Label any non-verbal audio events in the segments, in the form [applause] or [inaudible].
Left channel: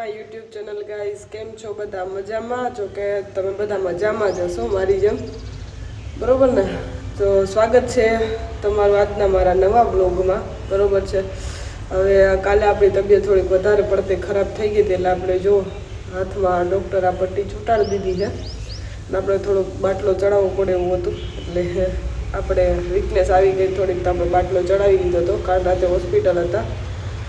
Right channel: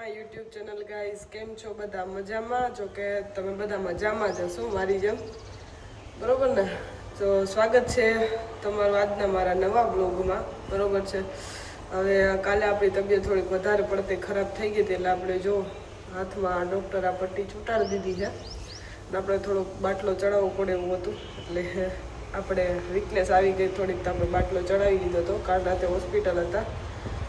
My YouTube channel guys, કેમ છો બધા મજામાં? જો કે તમે બધા મજામાં જ હશો, મારી જેમ. બરોબર ને? તો સ્વાગત છે તમારું આજના મારા નવા બ્લોગમાં બરોબર છે? હવે કાલે આપણી તબિયત થોડીક વધારે પડતી ખરાબ થઈ ગઈ હતી, એટલે આપણે જો હાથમાં ડૉક્ટર આ પટ્ટી છૂટાડી દીધી છે. અને આપણે થોડોક બાટલો ચડાવવો પડે એવું હતું. એટલે આપણે વીકનેસ આવી ગઈ, થોડીક તો આપણે બાટલો ચડાવી દીધો હતો. કાલ રાતે હોસ્પિટલ હતા.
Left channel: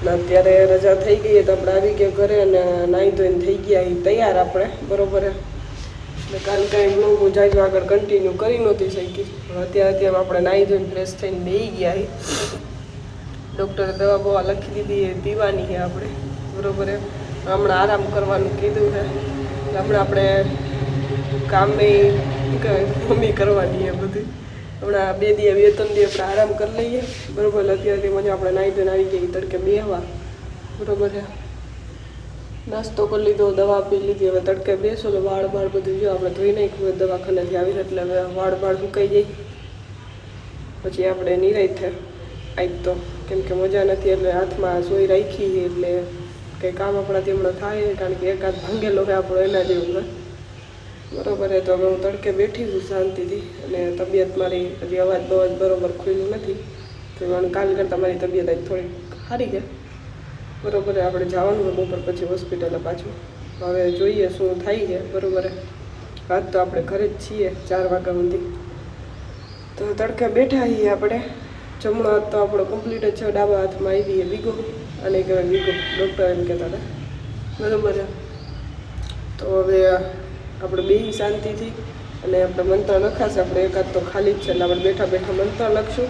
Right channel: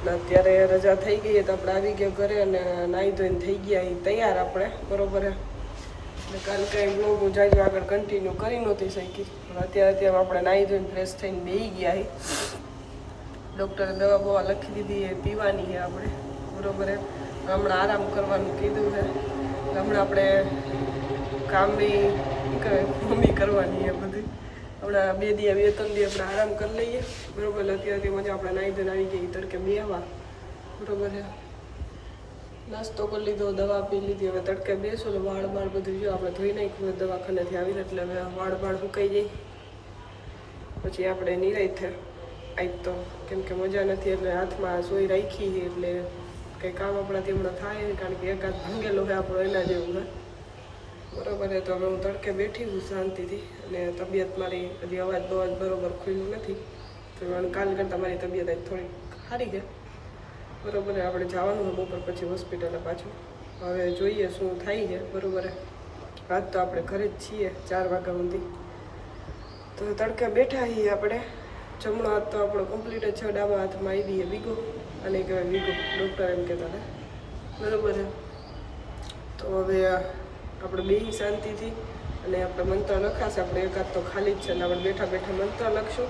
અત્યારે રજા થઈ ગઈ તો આપણે આવી ગયા ઘરે અને નાહી ધોઈને થઈ ગયા એ તૈયાર આપણે, બરોબર એટલે કાલ કાંઈ બ્લોગ હું જાય આગળ કન્ટિન્યુ કરી નહોતી શકી. અત્યારે અત્યારે આપણે નાહી ધોઈને ફ્રેશ થઈને બેસી ગયા ડૉક્ટરે દવા બવા લખી દીધી એ પીવાની છે આપણે, બરોબર હમણાં આરામ કરવાનું કીધું છે. આપણે આપણે કામે મમ્મી કરવાની એ બધી. હમણાં બે દિવસ બે ત્રણ દિવસ આપણે આરામ કરી લઈએ. બરોબર અત્યારથી મજા આપણે નાહી ધોઈને આવી ગઈ તડકે બેહવા. બરોબર છે. નાસ્તો કરી લીધો, દવા પી લીધી, હવે તડકે બેસો એટલે વાળ બાળ બધું જો આપણે ધોઈ નાખ્યું દવાખાનેથી આવીને એટલે હવે વાળ બાળ સુકાઈ જાય. પછી આપણે નિરાય થાય. આજ તો કેમ કે મજા નથી, એટલે હાથમાં સોઈ રાખી એટલે કંઈ કામ આપણાથી હમણાં થાય, કારણ કે એકાદ ભાંગેલો હોય આપણો એના જેવું છે બરોબર તો હવે હું તડકે બેઠી છું શાંતિથી અને તબિયત મારી હજી અવાજ બવાજ બરોબર ખુલ્લું નથી. તો કાલ કરતાં મારી તબિયત આજ થોડીક સારી છે. બરોબર આપણે જવાનું બપોર પછી હોસ્પિટલે પાછું. હવે જોઈએ શું થાય છે, બરોબર રાત તો આપણે ઘરે જ છીએ ચાર વાગ્યા સુધી. તો તડકે બેઠા છીએ આપણે. જમણો હાથ તો આપણો કમ્પ્લીટ જ છે, ડાબા હાથમાં આવી છે વીગો. અને કહેવાય વિગો ડૉક્ટર એમ કહેતા હતા. બરોબર તો હવે આપણે બે શાંતિથી અને આપણે મંત્ર લખાશે આપણે એકાદ તો ખાલી જ છે એટલે આપણે બેઠા બેઠા મંત્ર લખશું.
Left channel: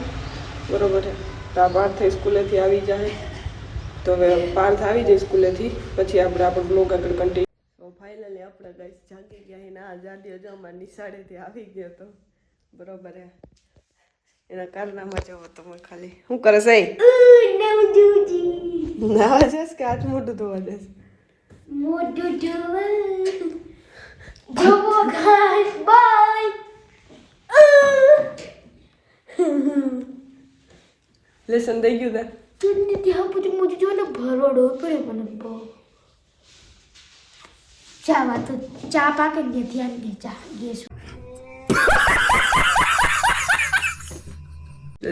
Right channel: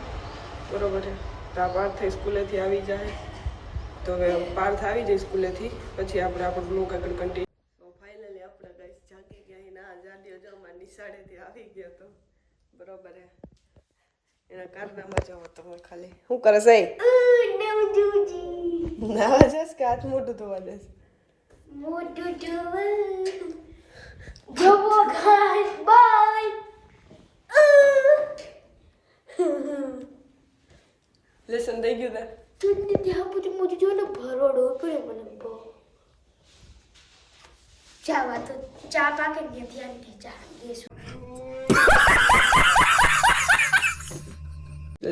બરોબર છે? તો આ પાર્થ સ્કૂલેથી આવી જાય તો હવે પાર્થ આવી જાય સ્કૂલેથી પછી આપણે આપણો બ્લોગ આગળ કન્ટિન્યુ તો ફાઇનલી આપણે ગાઈસ જાગી ગયા એના આઝાદી અમારા નિશાળેથી આવી ગયો તો. બરોબર હે એના કારનામાં જવો તમે ખાલી શું કરે છે? નાવા જશ કે હાથ મોઢું ધોવા જશ? મોઢું જોવું જોવો ગાઈસ બાય લેસન થઈ ગયું તા તમને ત્યાં પછી મોટું જોવું ને ભરવડો પડે મને બહુ ચા વાત તો ચા પાકે ને ધ્યાન દે ચા ગેસ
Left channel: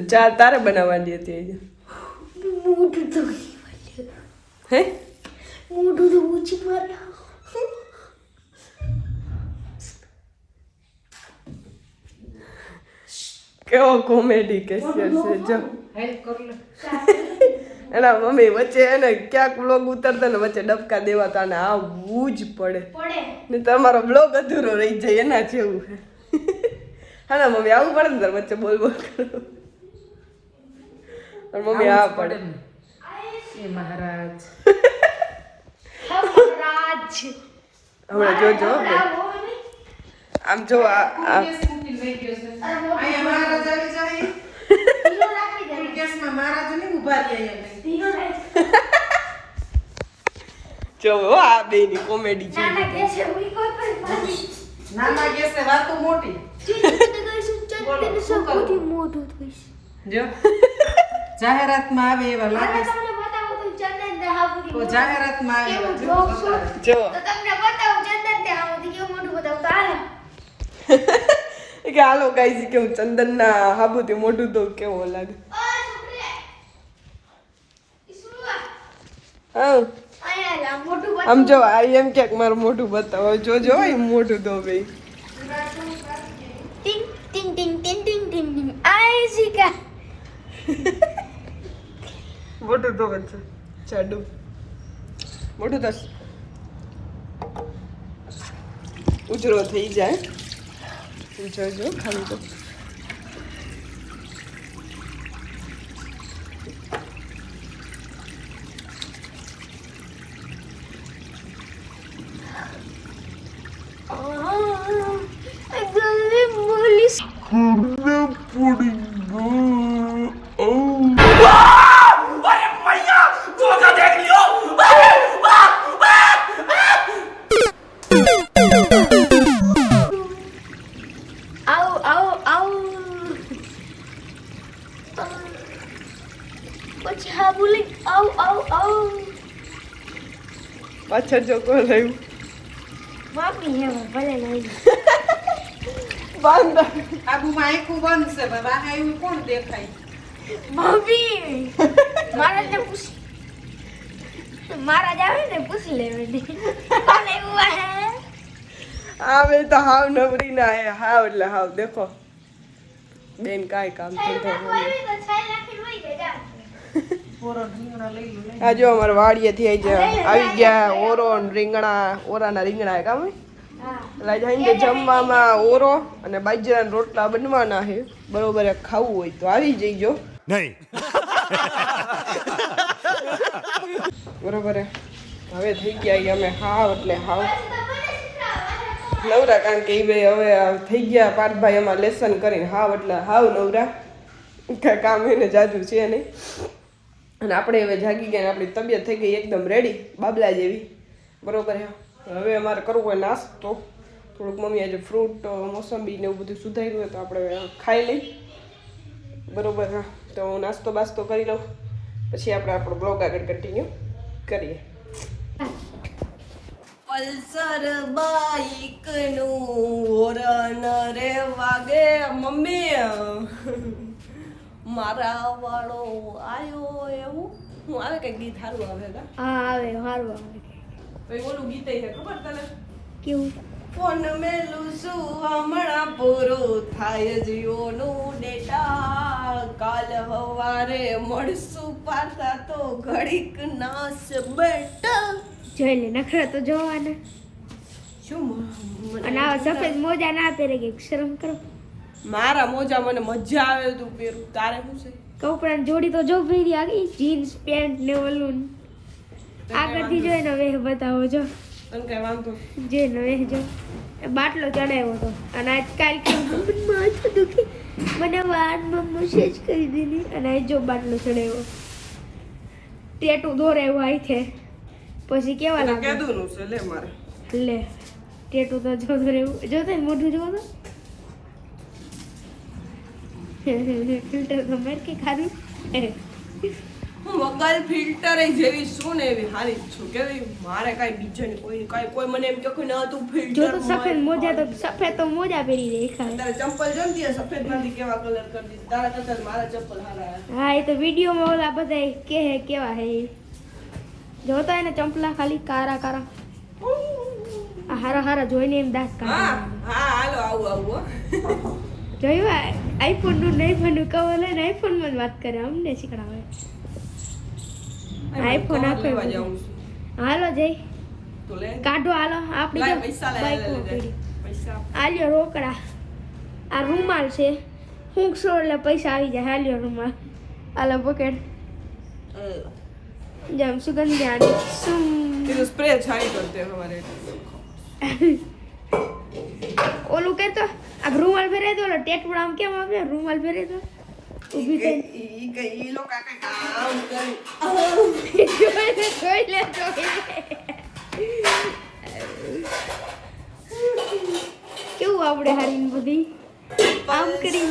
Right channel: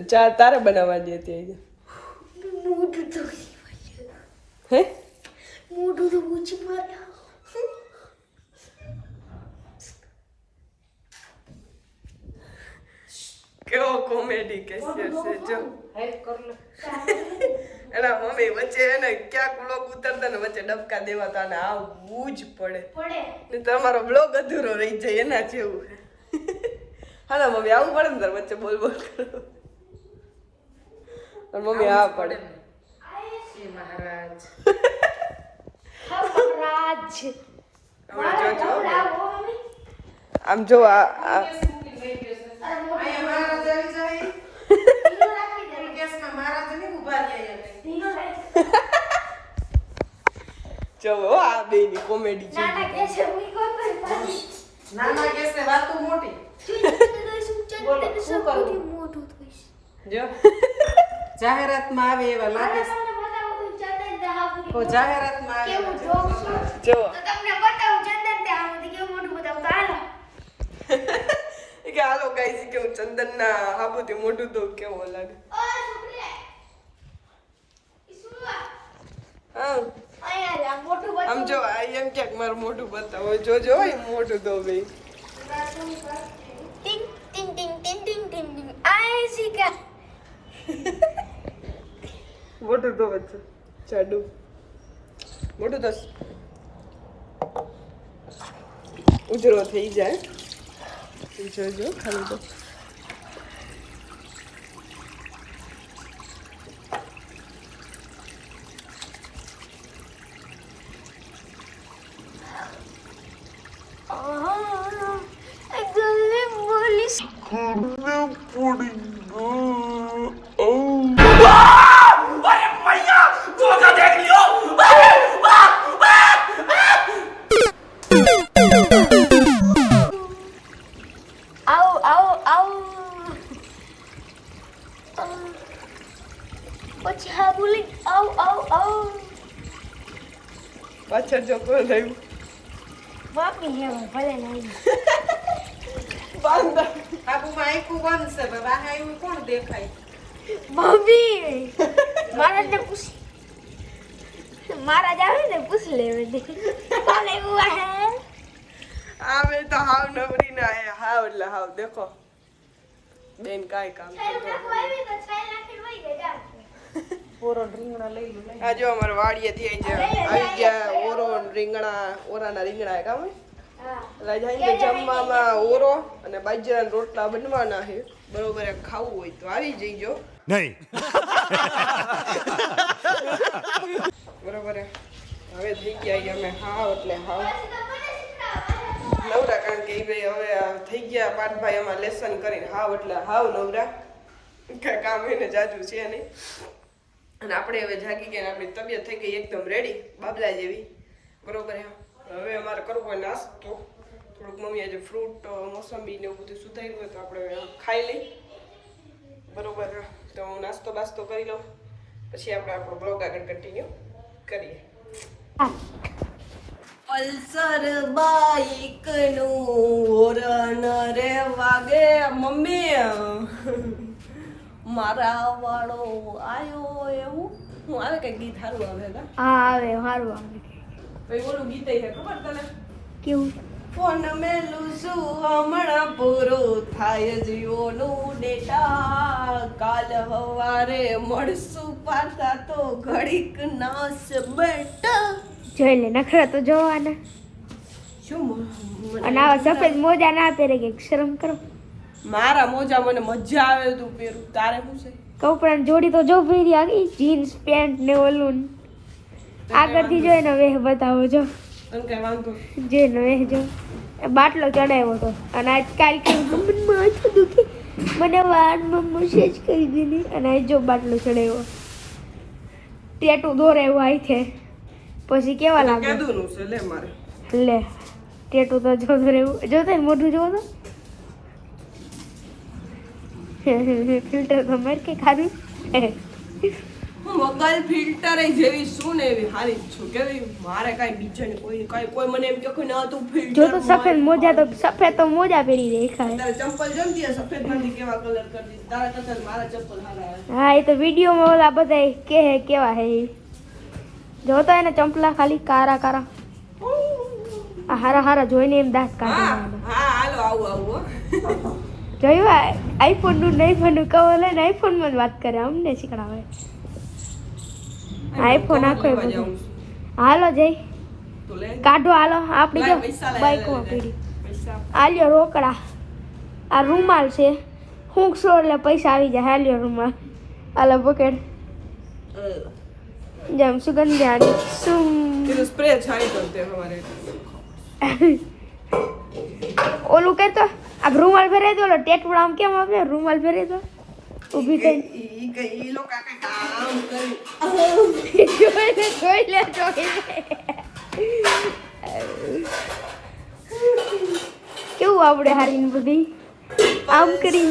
ચા તારે બનાવવાની હતી મોટું તો હે મોટું તો ઊંચી માર્યા કેવો કોમેડી કેસિયર છે જો. એના મમ્મી વચ્ચે એને ક્યાંક બ્લોગ ઉતરતા ને વચ્ચે ડબકા દેવાતા અને આવવું જ પડે. ને તમારો બ્લોગ અધૂરો રહી જાય એના જેવું હા ના મમ્મી આવું પડે ને તાર વચ્ચે બોલ બોલ. કરો મમ્મી આ પડે મહારાજ. [laughs] રાજ હમણાં જોજો. આમ જો આ [laughs] જો આ બેની કોમેડી છે. નાના ગેસે હું કોઈ પણ નાના કેસે વાતો મોટી. મોટું થઈશ. જો. જાહેરાતમાં આવે એવા લાગે છે. તો તો જાહેરાતમાં આવે. જો તમને બતાવું ચંદન તે આ બધી કેવું મોટું બતાવું તો હાલો કે હાલો ગાઈસ કેવું ચંદનના હાબુથી મોઢું તો કેવો લાગે? હા. મોટું. આમ જો આ એમ ક્યાંક મારું મોઢું બતાવો. જોજો એ મોઢું તો ભાઈ ટિંગ ટિંગ ટિંગ ટિંગ ટિંગ ટિંગ ટિંગ. આય શીખા મોઢું તો છે. જાડું મોઢું તો ઉજળો થઈ જાય. ઉજળજો ખાલી તો. આ ગલે બોલીશ બાંધા આબુમાં આખું બંધ છે હવે બહાર આવ્યું કોણ દેખાય મમ્મી મારા ને પૂછ મારા જ આવે ને પૂછ લેવે કોણ એવું હે આવે તો હાવ નવરી ના હે હાવ એટલે હાવ દેખો બેન કાંઈ કામ ધંધો નહીં. પૂરો રીંગણો લઈ લઈ આ જો અમારા વાડીએથી આવી ગયા આવી ગયા ઓરો ને રીંગણા ઓરાના રીંગણા કામ લઈ જાય જમવામાં ઓરો અને બાજરાના રોટલા બનવાના છે. બરોબર ખાવું હોય તો આવી જઈજો નહીં. બરોબર હવે થઈ ગયા અમે હાવ એટલે હાવ. નવરા કારણ કે એ બે હવે થઈ ગયા. પાર્થભાઈ એમાં લેસન કરીને હાવ એટલે હાવ નવરા. કાંઈ કામ એને જાજુ છે નહીં. અને આપણે હવે જાગી ગયા ને આપણી તબિયત થઈ ગઈ એકદમ રેડી બાબલા જેવી. બરોબર હવે અમારે કરવું હોય નાસ્તો. થોડુંક મમ્મી આજે ફ્રૂટ મોસંબી ને એવું બધું સુધાર્યું હોય તો આપણે ખાઈ લઈ. બરોબર તો હું નાસ્તો બાસ્તો કરી લઉં. પછી આપણે આપણો બ્લોગ આગળ કન્ટિન્યુ કરીએ. પલ્સર બાઈકનું હોરન રે વાગે મમ્મી. મારા વાળો આયો એવું? હું આવે કઈ ગીત સારું આવે હા આવે સારું આવે. ઓલું ગીત છે ખબર તને? કેવું? ફોન મેલું શું? હમણાં પૂરો થાય જીઓનું ડેટા. કાલ હવારે મળશું પાછા તો ઘડીક નાસ બેટ. જોઈ લે નખરા તો જોવાના. શું અને આ સફેદ મોજા ના પહેરે કે શરમ કરો. મારા મોજા મને મજા આવે તું પહેરું. તારે શું છે? કપડાની જોડી તો જો પહેરી આગી. જીન્સ પેન્ટ ને ઓલું. આગળથી જોઈને વેહ બતાવો જો. તને કઈ વાંધો જોઈને વેહ જો. બાટલો ચડાવ્યો હતો. અને આજ કાલ કે મને માથું દુખી. મને વાળમાં મસેજ કરી દીધી. અને આજ જો બાટલો ચડાવ્યો. ટેટુ દોરાવ્યો આઈ છે પછી કેવા લાગે કેદું નું છે લે મારે. લે ટેટુ તો જો દોરાવ્યું. જોતો ને મોઢું જોવો તો. [laughs] ફિલ્ટર તો મેર કે ખાધું? હું મગલ ફિલ્ટર જેવી શું ને એવી હારી જ છું. કેવી મારે કાંઈ બીજાને કોઈ કાંઈ કોઈ મને એમ કે કોઈ ના તું જો તો સફેદ મોજા તો સફેદ તો મોજા પહેરી દેખાય તારે ચંપલ જો ને સફેદમાંથી કેવા કલર કરી દીધી? તારા કરતા મારા ચંપલ હારા હા એ તો વિડીયોમાં ઓલા બધા કે હે કેવા હે જોતા જો તો એને ચંપલા ખાલી કારા કારા. આ હારા હારા જોઈને એમ દાંત હા કાઢે હા હાલો આવું આવું જોયું આઈફોનનું નહીં ફોન કવર લઈને આઈફોનમાં વાત કરે અમને શીખડાવે. આઈફોન આખો છું. હાલો જઈ કાઢો હાલો આપણી જો બાઈકમાં. પડી આલ્યો રોકડા. આ રૂમાલ છે. હું સો એટલે પૈસા આવી જાય. હાલ્યો રૂમાલ. આલો પકડ. જેમ જેમ સુગંધ્યાની સુમ સ્પ્રે છાઈ કરતે હવારે. ઓલું કહેતો આ રૂમાલ ફેરાઈ દો ઓલો ટેટુડા આમ કેમ આવે? રૂમાલ ફેરાઈ દો. ઊભી થઈ ઈ ગઈ લો કાકા કામ કરે જોઈ લે જોઈ લે કેવું આવડે હારીને બધી? આમ કરી.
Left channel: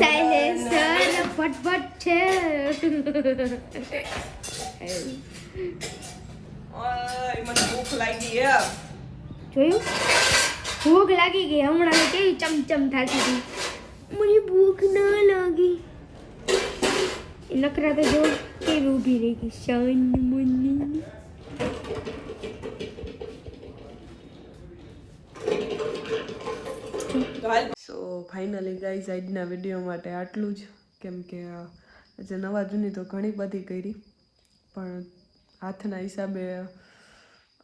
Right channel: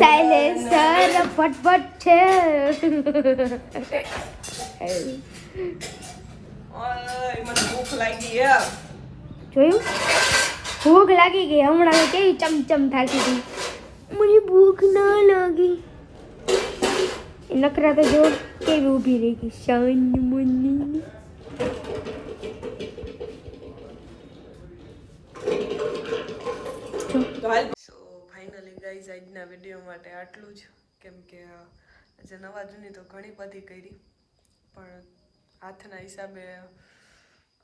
સાયલેન્સર ફટફટ છે. જોયું? ભૂખ લાગી ગઈ. હમણાં કેવી ચમચમ થાકી હતી મને ભૂખ ના લાગી. નકરા તો જો કેવી ઊભી રહી ગઈ, Shaan Munni so finally guys આજના વીડિયો માટે આટલું જ. કેમ કે આજે નવા જૂની તો ઘણી બધી કરી, પણ હાથના હિસાબે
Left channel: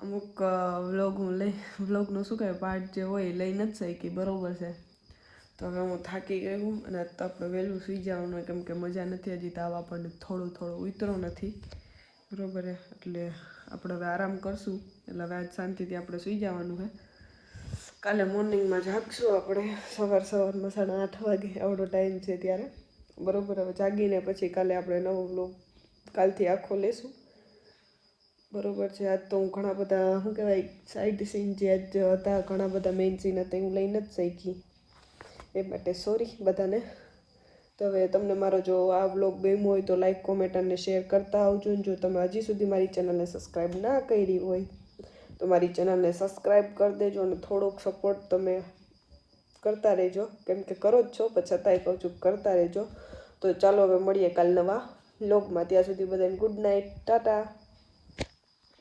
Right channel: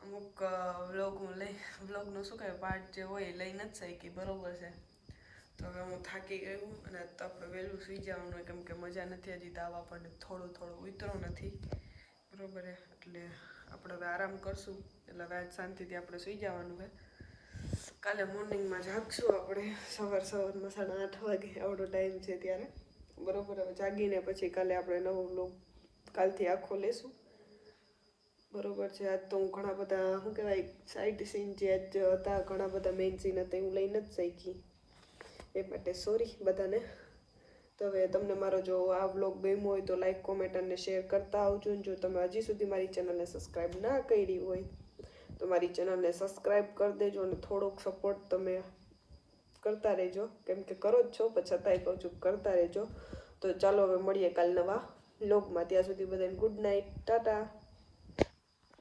અમુક વ્લોગ હું લઈ વ્લોગનો શું કહેવાય પાર્ટ જે હોય એ લઈ નથી શકી, બરોબર છે. તો હવે હું થાકી ગઈ હું અને તો આપણે વહેલું સુઈ જવાનું કેમ કે મજા નથી હજી તાવ આપણને થોડું થોડું ઉતરો નથી. બરાબર એટલે આપણે હવે આરામ કરશું. એટલે હવે આજ શાંતિથી આપણે સુઈ જવાનું હે. કાલે મોર્નિંગમાં જાગશું આપણે. સવાર સવારમાં સાડા આઠ વાગે આવડો ટાઈમ છે ત્યારે. બરોબર, હવે જાગીને પછી કાલે આપણે નવો બ્લોગ કાલથી આખો લેશું. બરોબર છે, આજ તો હું ઘણા બધા, શું કહેવાય સાઈડ સીન જે આજ હતા, ઘણા બધા મેઇન સીન હતા હું લઈને જ શીખી એ માટે સોરી બધાને. તો હવે તમને મારો જો આ વ્લોગ ગમ્યો હોય તો લાઇક કોમેન્ટ અને શેર કરતા આવજો. ને જો તમે હજી સુધી મારી ચેનલને સબસ્ક્રાઈબ ના કરી હોય, તો મારી ચેનલને સબસ્ક્રાઈબ કરી દેજો અને થોડોક સપોર્ટ તમે કરતા રહેજો. કેમ કે કરો જ છો, પણ છતાંય કહું છું કરતા રહેજો. તો ચાલો હવે મળીએ કાલ નવા બ્લોગમાં ત્યાં સુધી બધાને ગુડ નાઇટ ટાટા.